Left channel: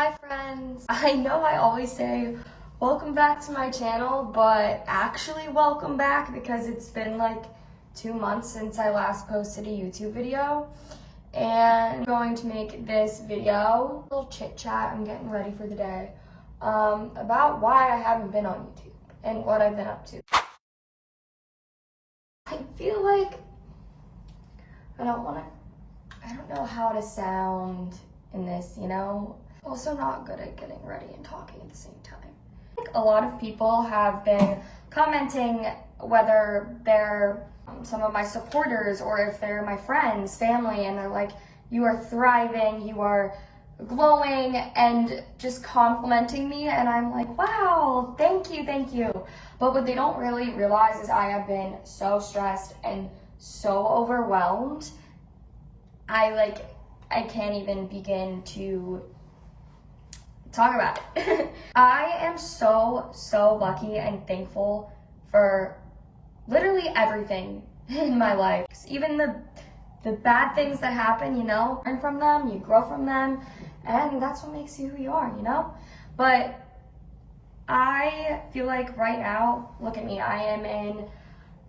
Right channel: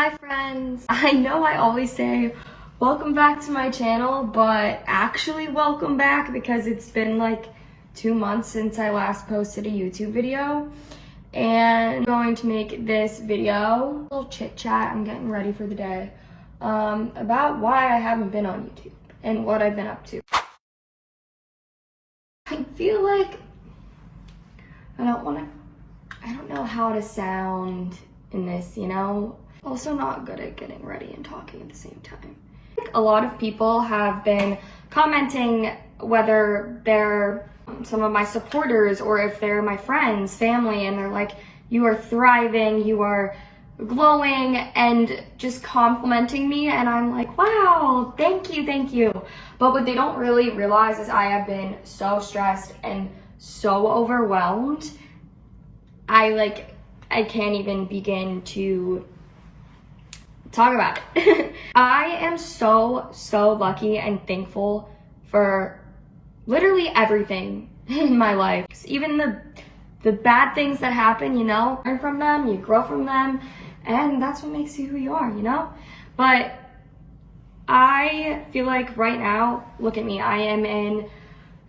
Hi friends! I know I always say welcome back to my channel, but actually welcome back because it's been like 2 months since I last posted a YouTube video. And I'm going to make this video, a little chit chat, I'm getting ready for the day, about why I haven't been on YouTube and what I've been up to. I feel like I don't know how to sound in this, you know? Also not good at getting ready and talking at the same time. A lot of people have been commenting, whether they're some of my supporters or if they're my friends, family, and they're like, you are thriving, you are glowing, and just complimenting me, and I'm like, wow, thank you. But what they don't really realize is I have been so stressed and so overwhelmed. I can't even begin to talk about it. I am so lucky and thankful for literally everything in my life. Even the bad things that happen, you know, learn from them, you grow from them, and that's what makes you who you are, you know? But I feel like right now, look at me, I am in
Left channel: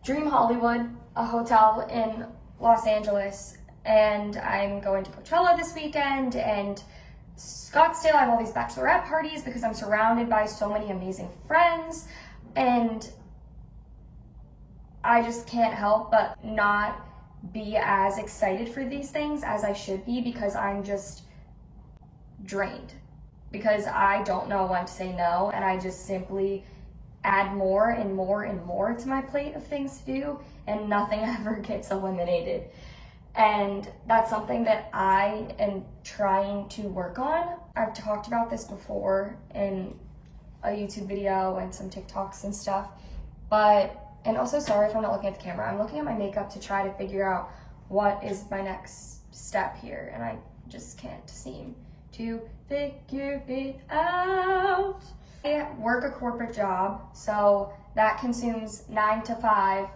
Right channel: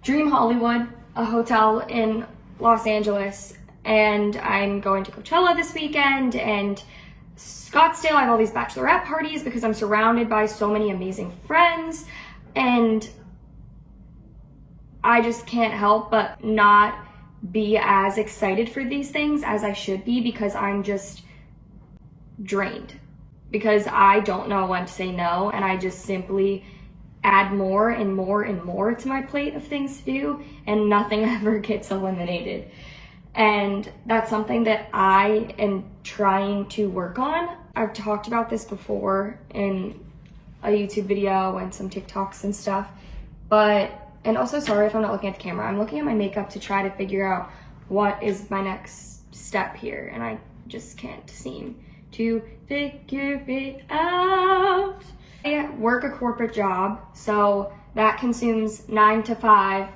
Dream Hollywood, a hotel in Los Angeles, and I'm going to Coachella this weekend, and Scottsdale. I have all these bachelorette parties because I'm surrounded by so many amazing friends, and I just can't help but not be as excited for these things as I should be because I'm just drained, because I don't know when to say no, and I just simply add more and more and more to my plate of things to do, and nothing ever gets eliminated. And that's something that I am trying to work on. I've talked about this before in a YouTube video and some TikToks and stuff, and also sorry if I'm not looking at the camera. I'm looking at my makeup to try to figure out what is my next step here, and I just can't seem to figure it out. I work a corporate job, so that consumes 9 to 5,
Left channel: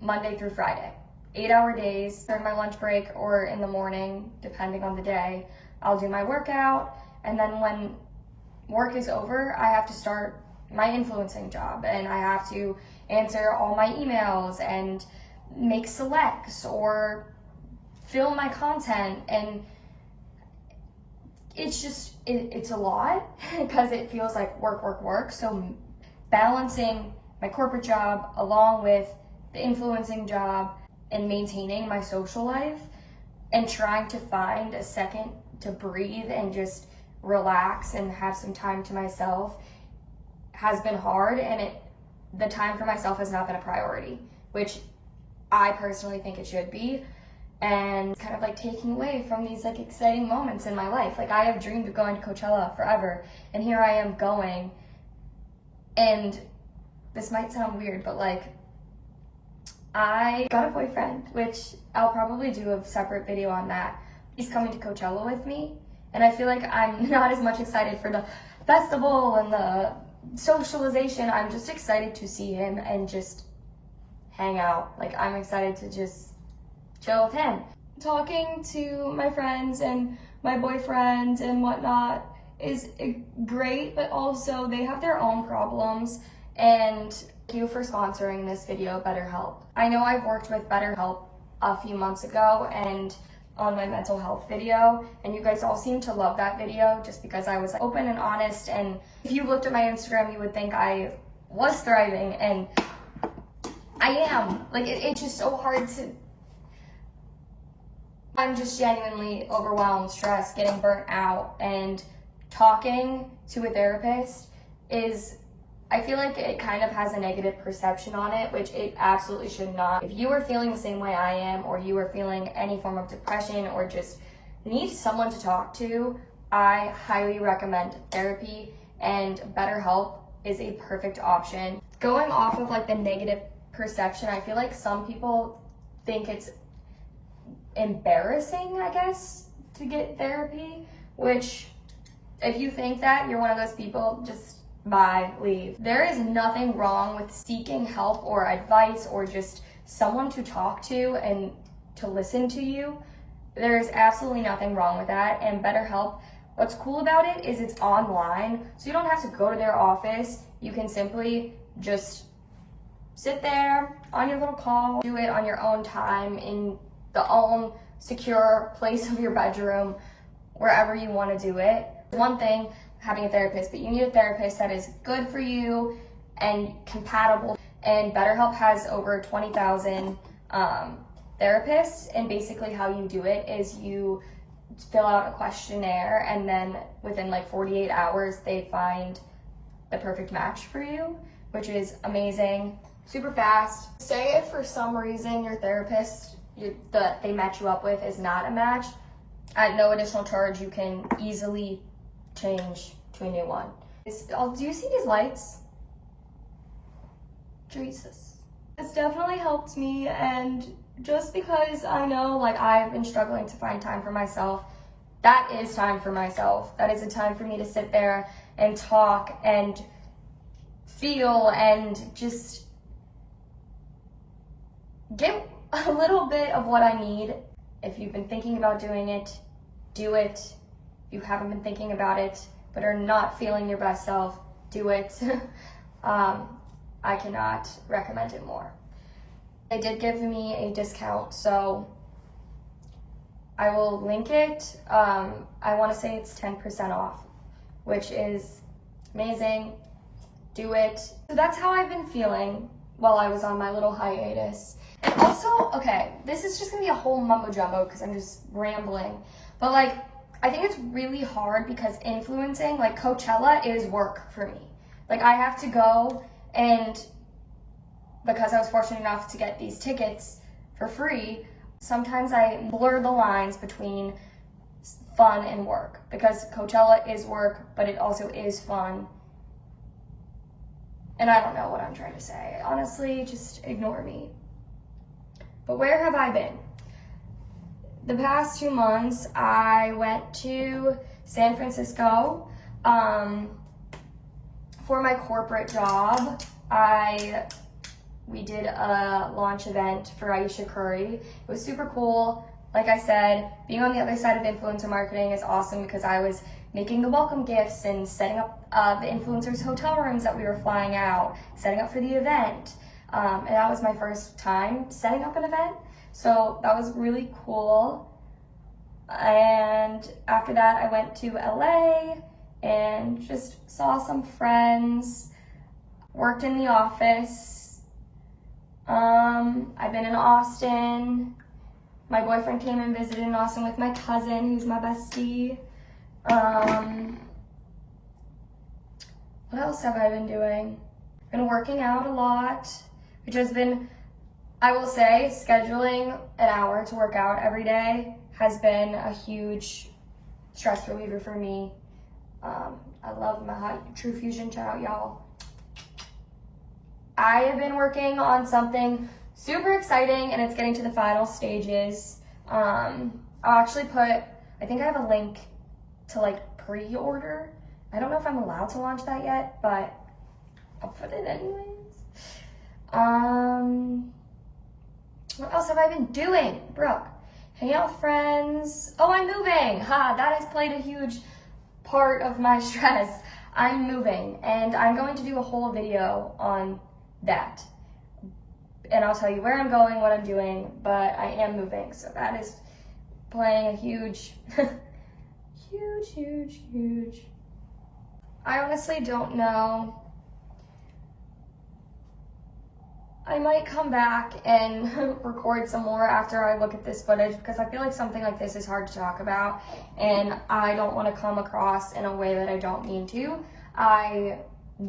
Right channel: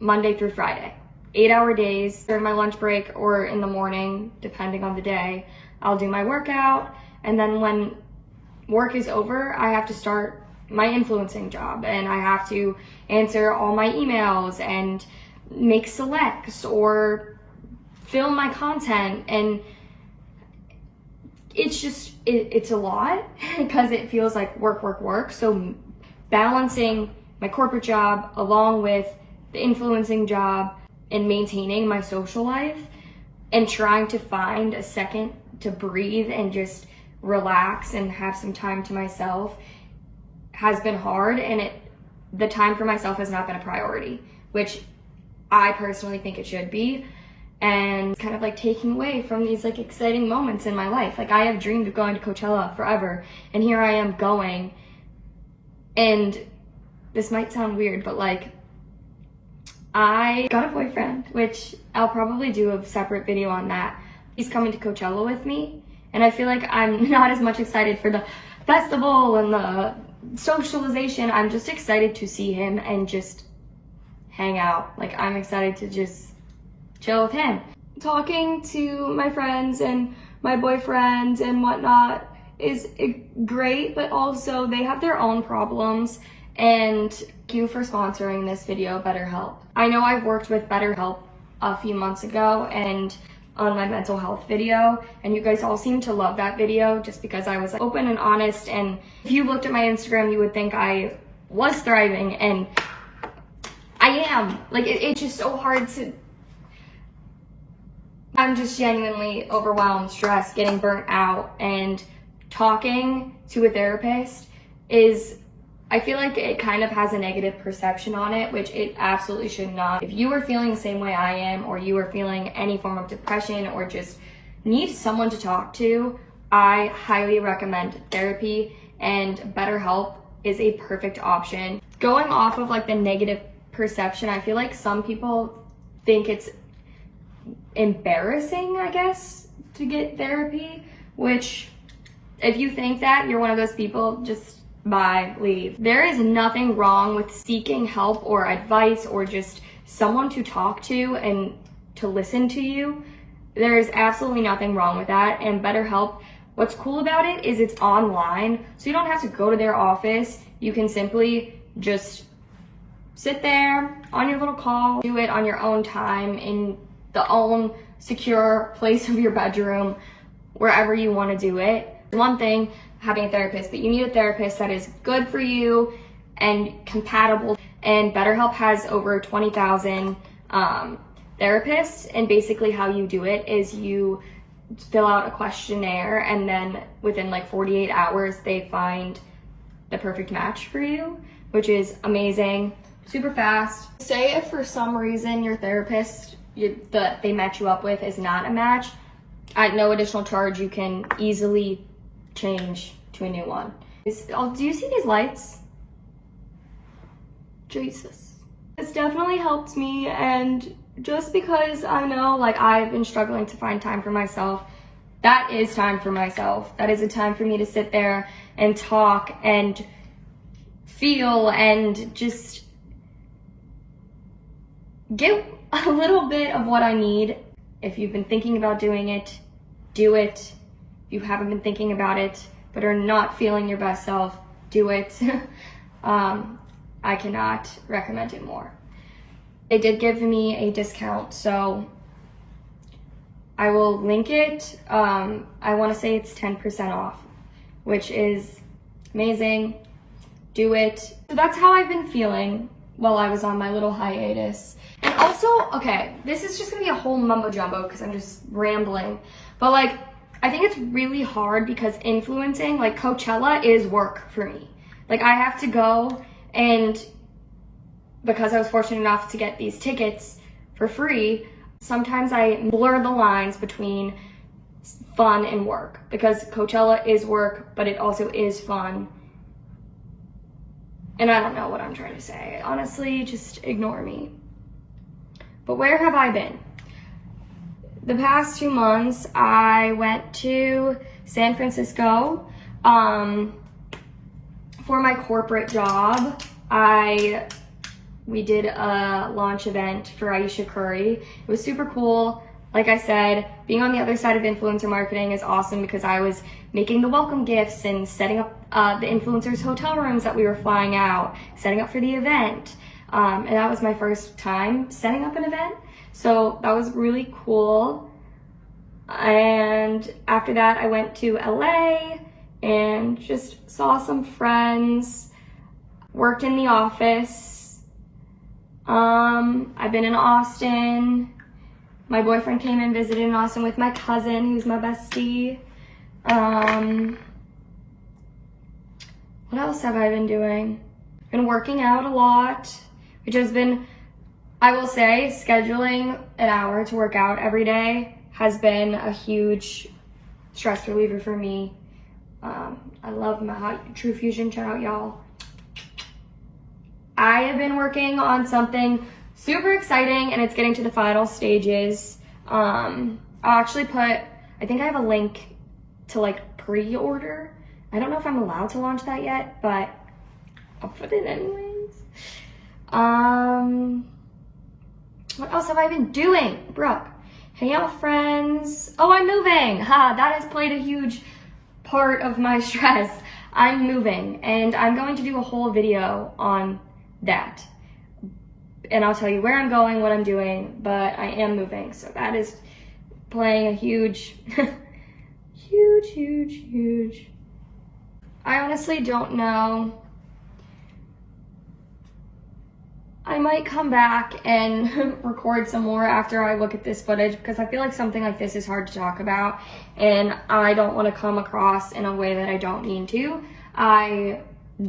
Monday through Friday. 8-hour days during my lunch break or in the morning, depending on the day. I'll do my workout, and then when work is over, I have to start my influencing job, and I have to answer all my emails and make selects or film my content, and it's a lot because it feels like work. So balancing my corporate job along with the influencing job and maintaining my social life and trying to find a second to breathe and just relax and have some time to myself has been hard, and the time for myself has not been a priority, which I personally think it should be, and kind of like taking away from these like exciting moments in my life. Like I have dreamed of going to Coachella forever, and here I am going, and this might sound weird, but like I got a boyfriend, which I'll probably do a separate video on that. He's coming to Coachella with me, and I feel like I'm not as much excited for the festival and the socialization. I'm just excited to see him and just hang out. Like I'm excited to just chill with him. Talking to my friends and my boyfriends and whatnot is great, but also they have their own problems. And thank you for sponsoring this video, BetterHelp. I know I've worked with BetterHelp a few months ago and on my mental health video, and you guys all seem to love that video just because I was like, open and honest, and if you looked at my Instagram, you would think I was thriving, and I am. Like it's just so hard to, I'm just genuinely overwhelmed, stressed, getting burnt out, and talking to a therapist I feel like it kind of has a negative perception on it, which it absolutely should not. If you are feeling the same way I am, or you are feeling any form of depression or just need someone to talk to, I highly recommend therapy, and BetterHelp is a perfect option. Going off of like the negative perception, I feel like some people think it's embarrassing, I guess, to get therapy, which if you think that, you're one of those people, just bye, leave. There is nothing wrong with seeking help or advice or just someone to talk to and to listen to you. There is absolutely nothing wrong with that, and BetterHelp What's cool about it is it's online, so you don't have to go to their office. You can simply just sit there on your little call, do it on your own time in the own secure place of your bedroom, wherever you want to do it. One thing, having a therapist, but you need a therapist that is good for you and compatible. And BetterHelp has over 20,000 therapists, and basically how you do it is you fill out a questionnaire, and then within like 48 hours they find the perfect match for you, which is amazing, super fast. Say if for some reason your therapist that they match you up with is not a match, at no additional charge you can easily change to a new one. Do you see these lights? Jesus. It's definitely helped me, and just because I know like I've been struggling to find time for myself, that is time for myself. That is a time for me to sit there and talk and feel and just get a little bit of what I need. If you've been thinking about doing it, do it. If you haven't been thinking about it but are not feeling your best self, do it. I cannot recommend it more. They did give me a discount, so I will link it. I want to say it's 10% off, which is amazing. Do it. So that's how I've been feeling while I was on my little hiatus. And also, okay, this is just gonna be a whole mumbo jumbo because I'm just rambling, but like, I think it's really hard because influencing, like Coachella is work for me. Like I have to go, and because I was fortunate enough to get these tickets for free, sometimes I blur the lines between fun and work, because Coachella is work, but it also is fun. And I don't know what I'm trying to say. Honestly, just ignore me. But where have I been? The past 2 months, I went to San Francisco for my corporate job. We did a launch event for Aisha Curry. It was super cool. Like I said, being on the other side of influencer marketing is awesome because I was making the welcome gifts and setting up the influencers' hotel rooms that we were flying out, setting up for the event. And that was my first time setting up an event. So that was really cool. And after that, I went to LA and just saw some friends, worked in the office. I've been in Austin. My boyfriend came and visited in Austin with my cousin, who's my bestie. What else have I been doing? Been working out a lot, which has been, I will say, scheduling an hour to work out every day has been a huge stress reliever for me. I love my hot True Fusion, shout out y'all. I have been working on something super exciting, and it's getting to the final stages. I'll actually put, I think I have a link to like pre-order. I don't know if I'm allowed to launch that yet, but I'll put it anyways. What else have I been doing? Brooke, hanging out with friends. Oh, I'm moving. That has played a huge part of my stress. I'm moving, and I'm going to do a whole video on that. And I'll tell you where I'm going, what I'm doing, but I am moving. So that is playing a huge, huge. I honestly don't know. I might come back and record some more after I look at this footage, because I feel like something like this is hard to talk about, and I don't want to come across in a way that I don't mean to. I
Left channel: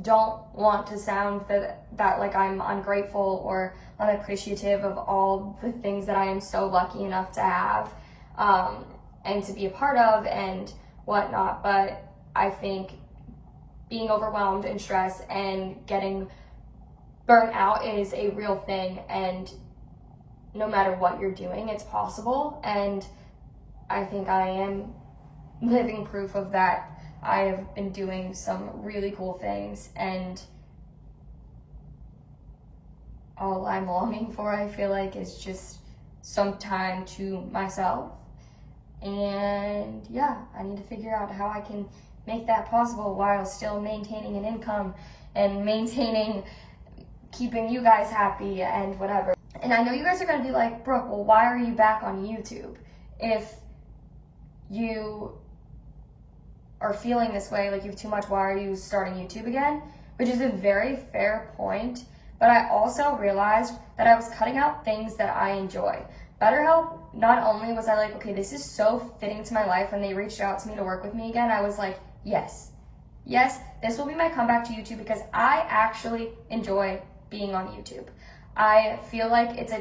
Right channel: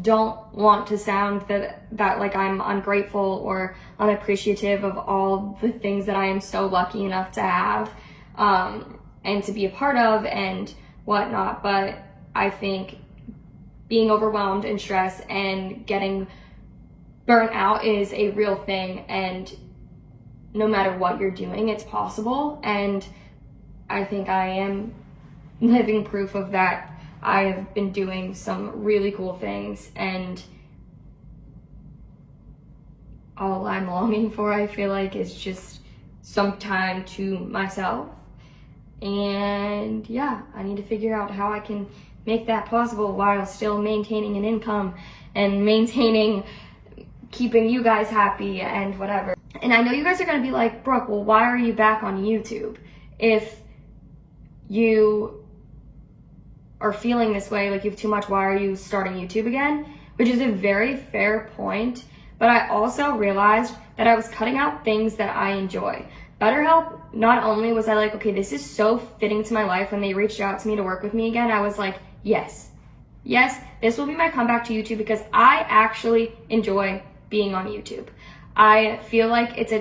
don't want to sound that like I'm ungrateful or unappreciative of all the things that I am so lucky enough to have and to be a part of and whatnot. But I think being overwhelmed and stressed and getting burnt out is a real thing, and no matter what you're doing, it's possible. And I think I am living proof of that. I have been doing some really cool things, and all I'm longing for, I feel like, is just some time to myself. And yeah, I need to figure out how I can make that possible while still maintaining an income and maintaining keeping you guys happy and whatever. And I know you guys are gonna be like, Brooke, well, why are you back on YouTube? If you are feeling this way, like you have too much, why are you starting YouTube again? Which is a very fair point, but I also realized that I was cutting out things that I enjoy. BetterHelp, not only was I like, okay, this is so fitting to my life. When they reached out to me to work with me again, I was like, yes, this will be my comeback to YouTube because I actually enjoy being on YouTube. I feel like it's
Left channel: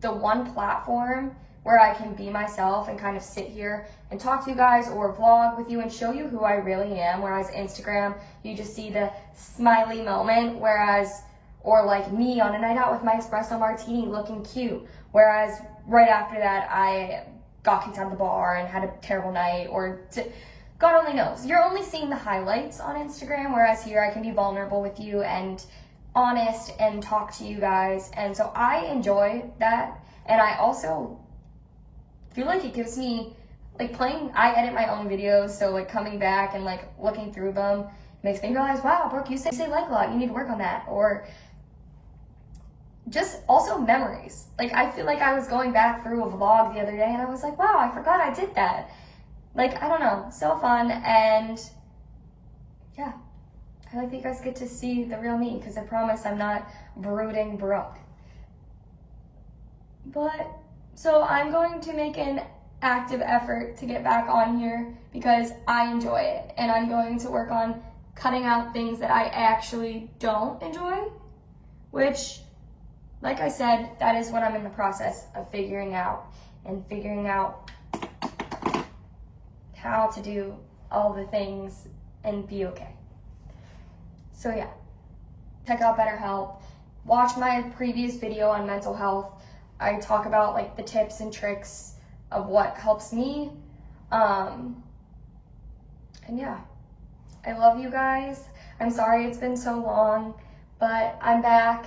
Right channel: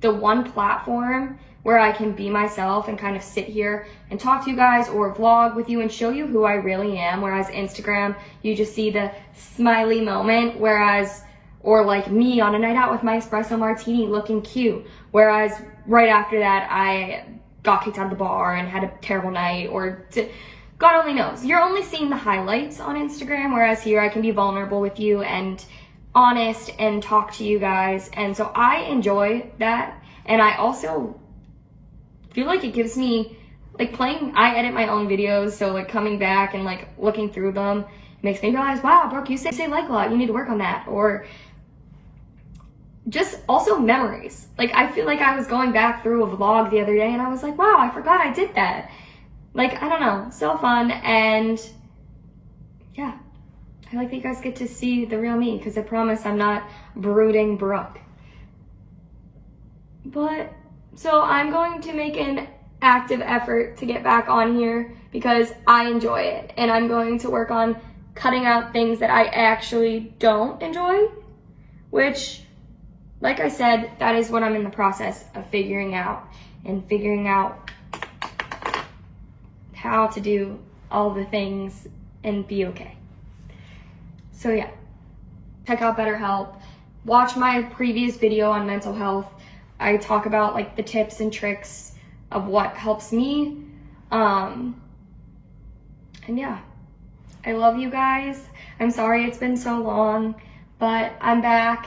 the one platform where I can be myself and kind of sit here and talk to you guys or vlog with you and show you who I really am. Whereas Instagram, you just see the smiley moment, or like me on a night out with my espresso martini looking cute. Whereas right after that, I got kicked out of the bar and had a terrible night, God only knows. You're only seeing the highlights on Instagram, whereas here I can be vulnerable with you and honest and talk to you guys. And so I enjoy that. And I also feel like it gives me, like I edit my own videos, so like coming back and like looking through them makes me realize, wow, Brooke, you say like a lot, you need to work on that. Or just also memories. Like I feel like I was going back through a vlog the other day and I was like, wow, I forgot I did that. Like, I don't know, so fun. And yeah, I like that you guys get to see the real me, because I promise I'm not brooding Brooke. But so I'm going to make an active effort to get back on here because I enjoy it, and I'm going to work on cutting out things that I actually don't enjoy, which, like I said, that is what I'm in the process of figuring out how to do all the things and be okay. So yeah, check out BetterHelp. Watch my previous video on mental health. I talk about like the tips and tricks of what helps me. And yeah, I love you guys. I'm sorry it's been so long, but I'm back.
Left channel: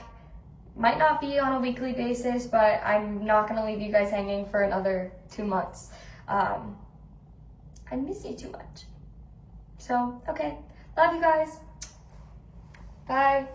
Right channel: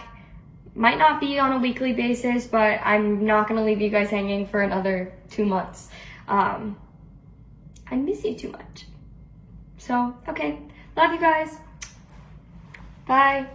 Might not be on a weekly basis, but I'm not gonna leave you guys hanging for another 2 months. I miss you too much. So, okay. Love you guys. Bye.